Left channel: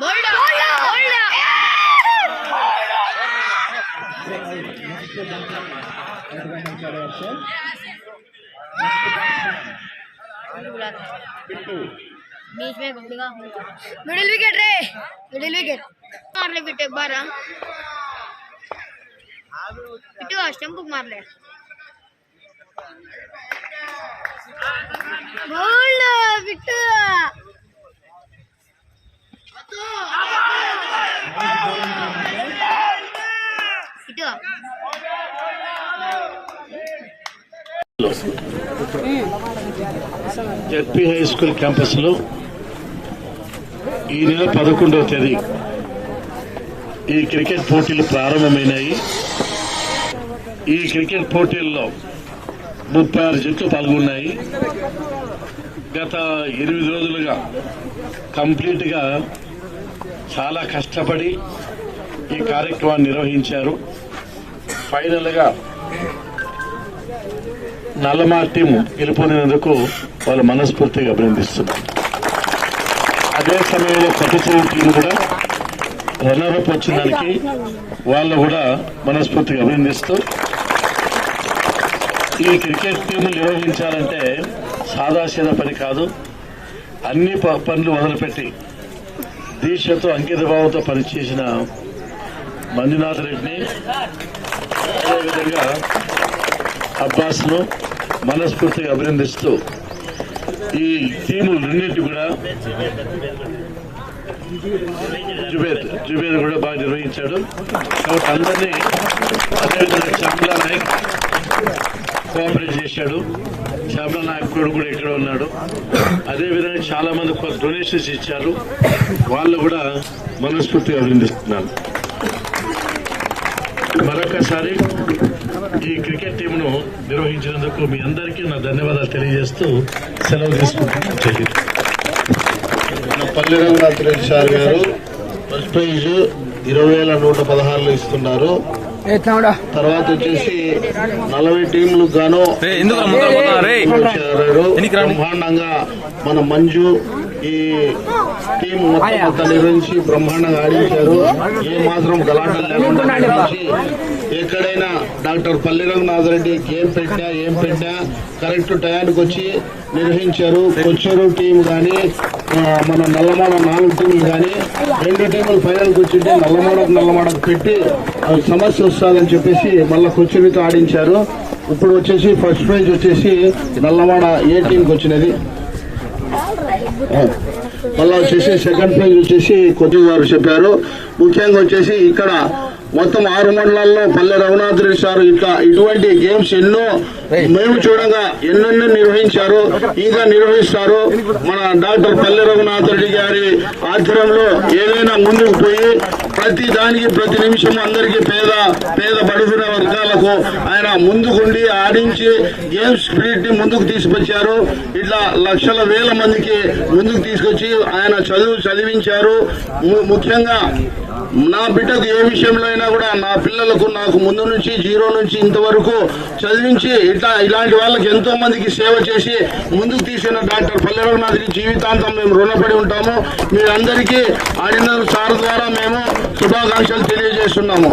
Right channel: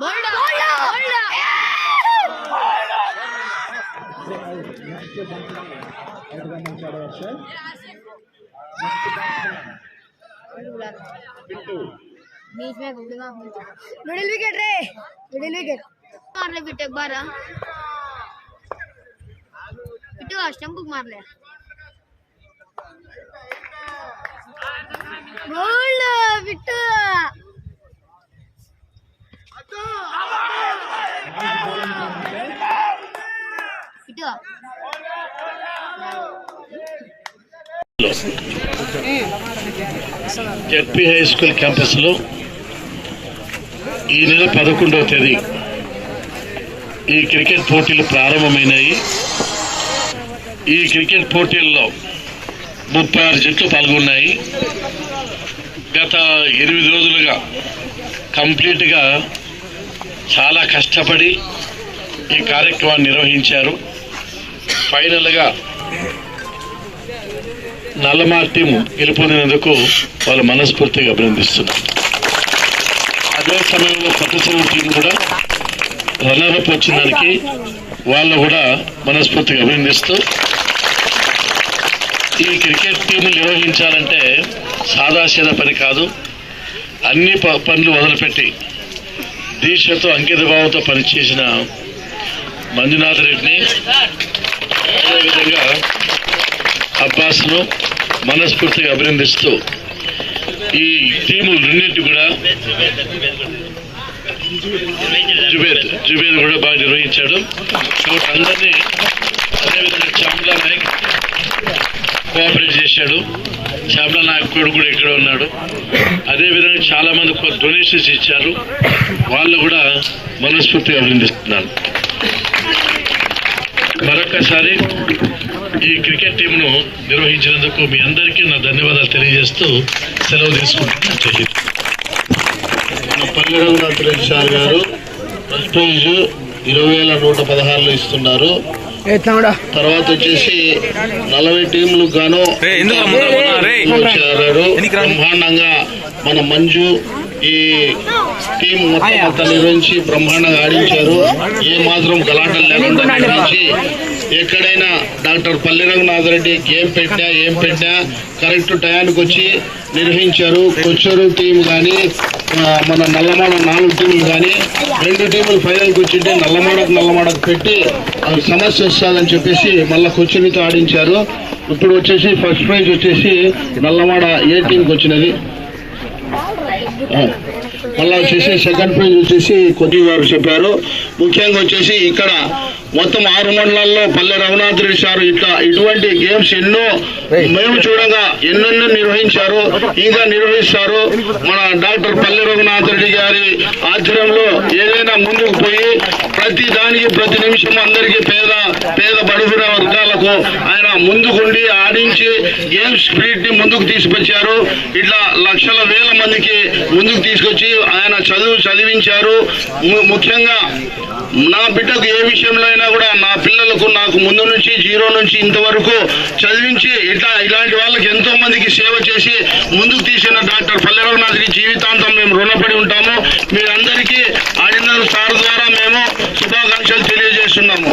बोलो बोलो बोलो ఓవర్ వేయడానికి అక్షర్ వచ్చి మొదటి బంతి చిన్న హైలైట్ స్కోర్ అది బోల్డ్ బోల్డ్ నెక్స్ట్ బంతి మొదటి గమనించాడు అక్షర్ నెక్స్ట్ బ్యాట్స్మెన్ పిట్టు बीच में घूमेगा मिडिल विकेट रे मिडिल विकेट मार ले बिट्टू एक बार हाँ। बिट्टू स्टंप को मार ले बोल Bittu Bittu ZP high school క్యాంపస్లో ఈ నెల పదకొండవ తేదీ ఈ క్రికెట్ పోటీలు ప్రారంభమైనాయి. ఈ క్రికెట్ పోటీల్లో ముప్పై ఆరు జట్లు పాల్గొన్నాయి. గత ఎనిమిది రోజులుగా కంప్లీట్గా చాలా కష్టపడి ఈ కార్యక్రమాన్ని నిర్వహించారు. ఫైనల్గా నల్లమా టీం గెలుపొందినందుకు వాళ్ళు మనస్ఫూర్తిగా అభినందిస్తున్నారు. అదే సమయంలో కొత్త చెరువు టీం కూడా రన్నరప్ వచ్చిన దానికి వాళ్ళు కూడా మనస్ఫూర్తిగా అభినందిస్తూ ఈ క్రికెట్ టీం నిర్వహించాలంటే సాదాసీద పని కాదు. అన్ని ప- పనులు వదిలిపెట్టి దీక్షతో అంకితభావంతో పనిచేసిన మంజునాథ్ రెడ్డిని అదేవిధంగా అబ్బాస్ను మనస్ఫూర్తిగా అభినందిస్తూ ఈ టీములు రెండింటి కూడా జుబేద్ జుబేద్ కూడా బాగా నిర్వహించాడు. కాబట్టి అందరినీ అదేవిధంగా చాంబ్లా నాయక్ కోఆపరేట్ చేశాడు. చాంబ్లా నాయక్ కూడా కూడా ఇక్కడ ఉన్నాడు. అదేవిధంగా చాలా మంది డొనేషన్స్ ఇచ్చారు. వాళ్ళు కూడా మనస్ఫూర్తిగా అభినందిస్తున్నాను. మరొకసారి ఈ క్రికెట్ టీంను నిర్వహించినందుకు మీ అందరికీ నా ధన్యవాదాలు తెలియజేస్తూ సెలవు తీసుకుంటున్నాను. రఘునాథ్ రెడ్డి సార్ గారు ఫస్ట్ ప్రైజ్ ఇరవై వేల నూట పదహారులు ఇస్తున్నారు. తర్వాత వచ్చేసి నలభై టీంలకు గాను బ్రహ్మాండంగా మన మంజు ఈ టీం మొత్తం అంతా నిర్వహించి బ్రహ్మాండంగా ఆడించారు. ఏ మాత్రం గలాటలు లేకుండా నిర్వహించి ఎక్కడైనా డాక్టర్ పల్లి రఘునాథ్ రెడ్డి ఏం పెట్టినా ఏం పెట్టినా కరెక్ట్ టయానికి వచ్చి నిర్వహించారు. కొచ్చరు టీం కానీ మన నల్లమాడ నాలుగు టీంలు కానీ రెండు టీములు ఫైనల్కి వచ్చింటే నల్లమాడకు నల్లమాడకు పెట్టి సమస్య వస్తుందని చెప్పేసి మళ్ళీ కొచ్చరితో ఆడించారు. ఇప్పుడు వచ్చేసి ఫస్ట్ ప్రైజ్ వచ్చేసి నల్లమాడ ఏ టీంకి వచ్చినది. మళ్ళా వచ్చేసి సెకండ్ ప్రైజ్ వచ్చేసి కొద్ది గారు చెప్పారు. ముఖ్యంగా వచ్చేసి ఇక్కడ మొత్తం ఆరు మండలాల్లో పల్లె రఘునాథ్ రెడ్డి సార్ ఇట్లా ఇటువంటి గేమ్స్ ఎన్నో మేము చూడగా ఎన్నెన్నో నిర్వహించారు. ఇంకా నిర్వహిస్తారు. మన డాక్టర్ పల్లె రఘునాథ్ రెడ్డి గారి ఆధ్వర్యంలో ఏదైనా ముందుకు పోయి ప్రతి దానికి ప్రతి నిమిషం అందరికీ పేద పేద బడుగున వర్గాలకు ఆయన ముందుకుండి ఆడించి గేమ్స్ స్పిరిట్ని ముందుకు తీసుకొచ్చారు ఇట్లా లక్షల వేల మందికి ముందుకు తీసుకొచ్చి ఆయన చదువు చదివించారు. ము- ముఖ్యంగా నా బిడ్డకు ఏ విషయంలో అయినా కూడా నా పిల్లలకు నాకు ముందు నుంచి జీరో నుంచి ఇంతవరకు చదివించి ఇట్లా ఇలాంటి వాళ్ళకి ఎంతో మందికి సేవ చేసి ముందుకు తీసిన డాక్టర్ పల్లె రఘునాథ్కి జీవితాంతం మేము రుణపడి ఉంటాము. మీరందరికీ ఆడిన సార్ ద్వారా మేము శుభాకాంక్షలు తెలియజేస్తున్నాము.